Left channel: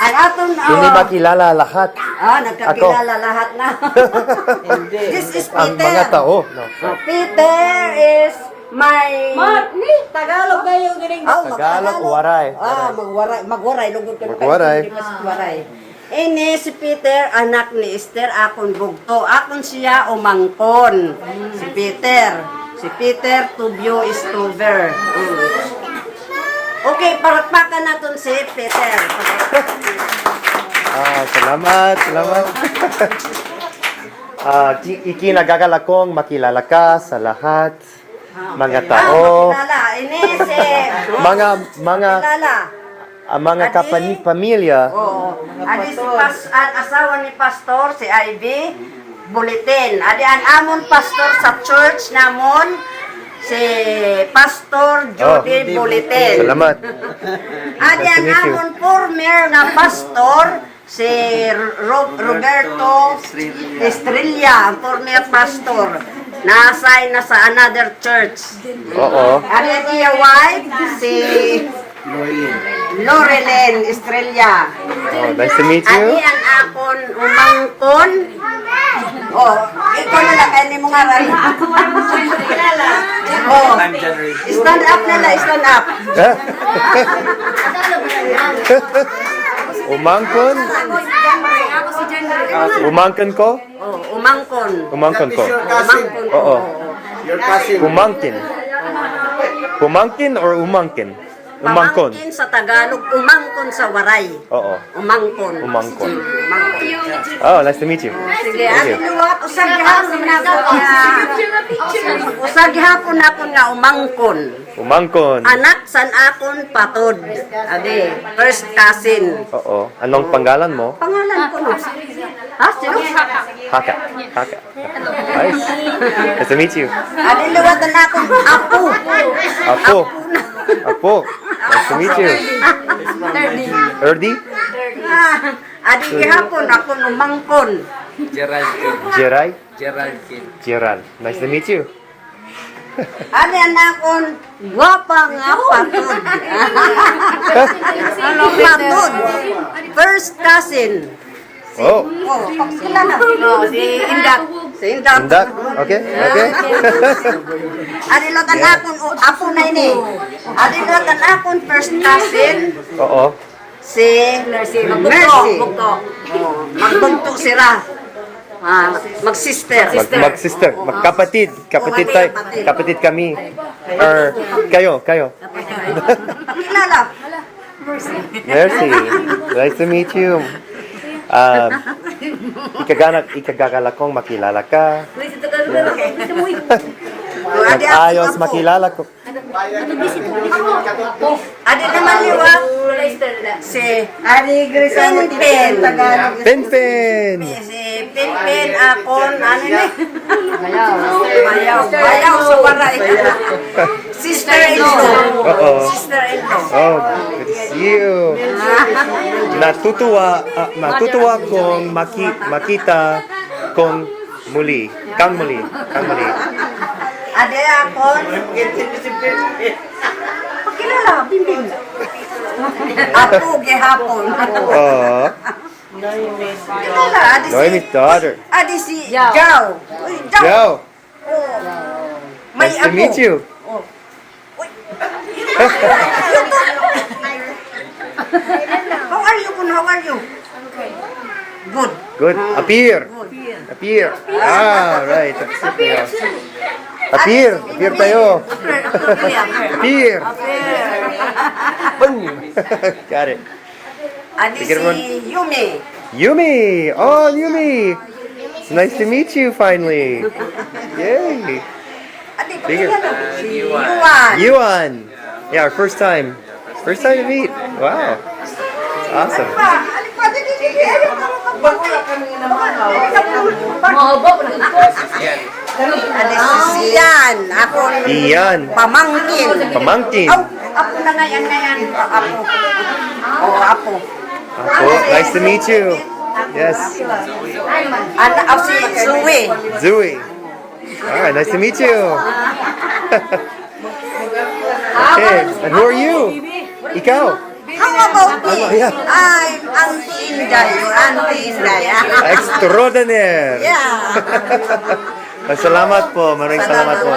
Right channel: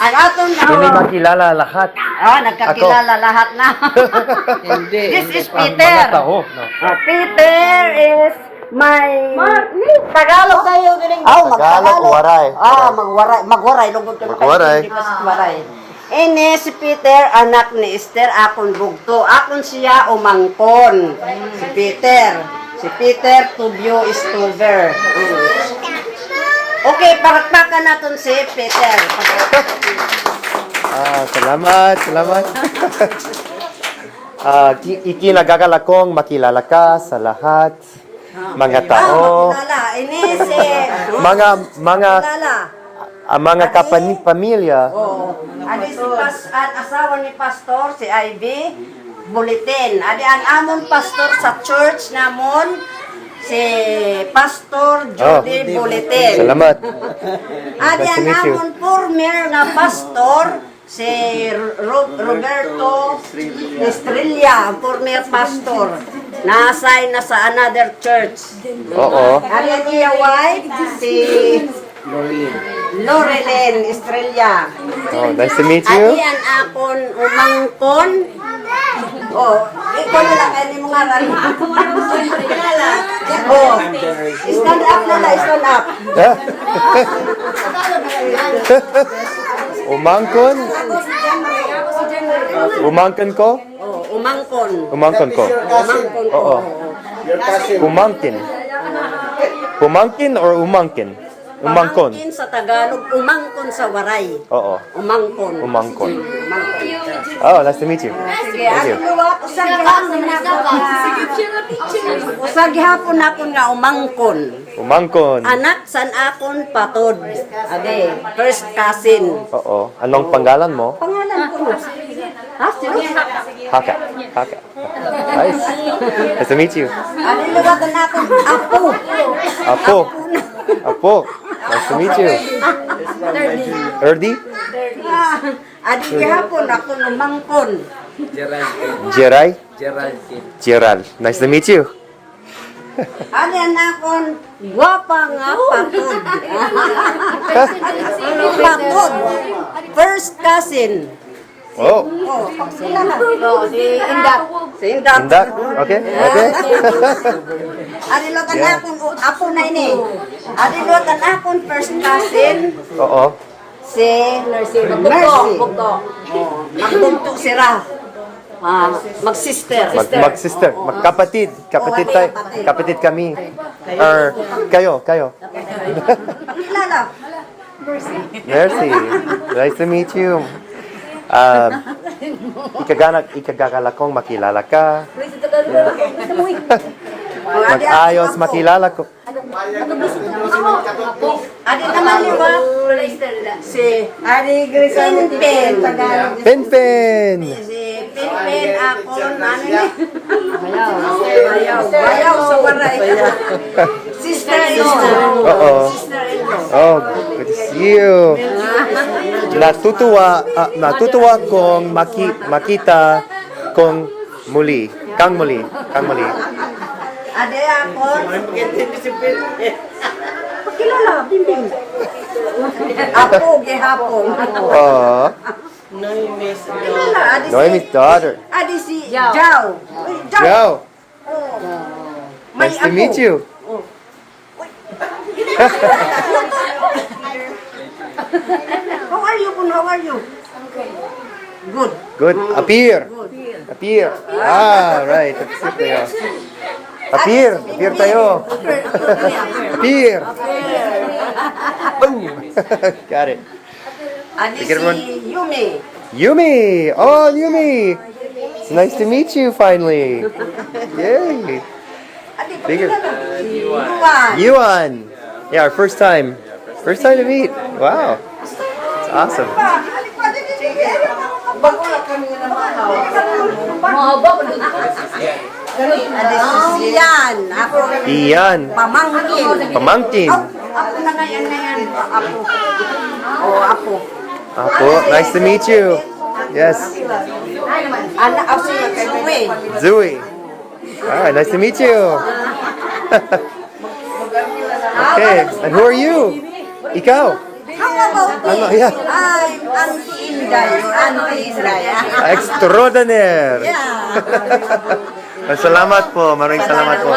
Ang aton Hindi makilala lahat. nagkakilala lahat na. This is Ang Peter. mga tao. No. Peter is my Tagalog kayo gining. Tagalog, waray. Magwaray lugod kayo. Magwaray. Waray. Ini si Peter, anak ni Esther, akon bugto. Akon siya umangkon. Si Peter. Si Peter, tubyo is tuber. Okay, parakpakan natin si Peter. Salamat. Ikinagagala kong makilala ka sa lahat. Mga tao. Ini si mga pamilya. Adi si asawa ni pastor, si Ivy, Bulletin. Adi ang amon pastor sa church namon, si Pastor Judy Bulletin. Salamat. Adi ang amon former na pastor, si Roberto Estrella, ang former pastor. Na-assign na sa another church. Oo. Adi ang iya wife, si Lorelen Estrella. Oh, nice to meet you. Adi ang akon umangkon. Ikaw na lang kayo ni mga ran. Stand up nila, stand up. Umangkon? Umangkon ko? Umangkon. Umangkon ko. Umangkon ko. Oo. Umangkin. Umangkin or umangkin? Umangkon. Pamangkin sa Tagalog, umangkon sa waray. Oo. Umangkon. Umangkon. Umangkon. Oh, nice to meet you. Sige, Thank you. usag hapon ako nga umangkon. Umangkon. Anak san akon patod. Ade, first cousin. Oo. Anong pangalan mo? Pangalan ko no. Ha? Sino? Haka. Nice. Nice to meet you. Ade, luwatan akon apo. Apo. Nice to meet you. Erdi? Ade, gihapon ako umangkon. Jeray? Gerald. Nice to meet you. Ade, anakon gwapa nga patod. Patod. First cousin. Oh. Pakilala. Si Indak. Si Indak. Indak? Okay. Adi lotan akon apo na ini. Adi lotan akon first cousin Oo. si Mercy. Magbunto sira. Mag-sister. Mag-sister. Magkapatid. Kapatid tayo. Kapatid kami. Or, kayo. Pakilala. Mercy. Nice to meet you. Ikagagala kong makilala ka. Mag-ayos makilala ko. Adi naman liwa. Si Adi Grisel Penpen. Si Pinpin akon ano ni? Bayaw sa waray. Sister-in-law. Oo. Sister-in-law. Oh, good to see you. Natutuwa kong makita kong muli. Kang muli. Ade akon. Pakilala, Pinpin. Apo gihapon. Oh. Kilala, adi Noemi's daughter. Adi si Jao. Uy, Joe. May Nice to apo. meet you. How are you, Kun? How are you? Good. Good. Appear. Right. Appear tayo. Appear. Boom. Got it. Adi Sige naman. si Yumi. Yumi. Oh, Yumi. It's nice to meet you finally. Yay. Adi Sige. Yuan. Yuan. Yeah, our first time. First time to meet. Wow. It's awesome. Adi si Ian. Ako. Ian. Pamangkin. Apo na ngayon. Apo. Apo. Nice to meet you. Yes. Anak ako si Zoe. Zooey. Alright, nice to meet you. Okay. And who are you? Ikaw. How about me? Ano, yeah. I'm Auntie Inday. Or Auntie Inday. Extraordinaire. Yeah. Salamat po. Maraming salamat po.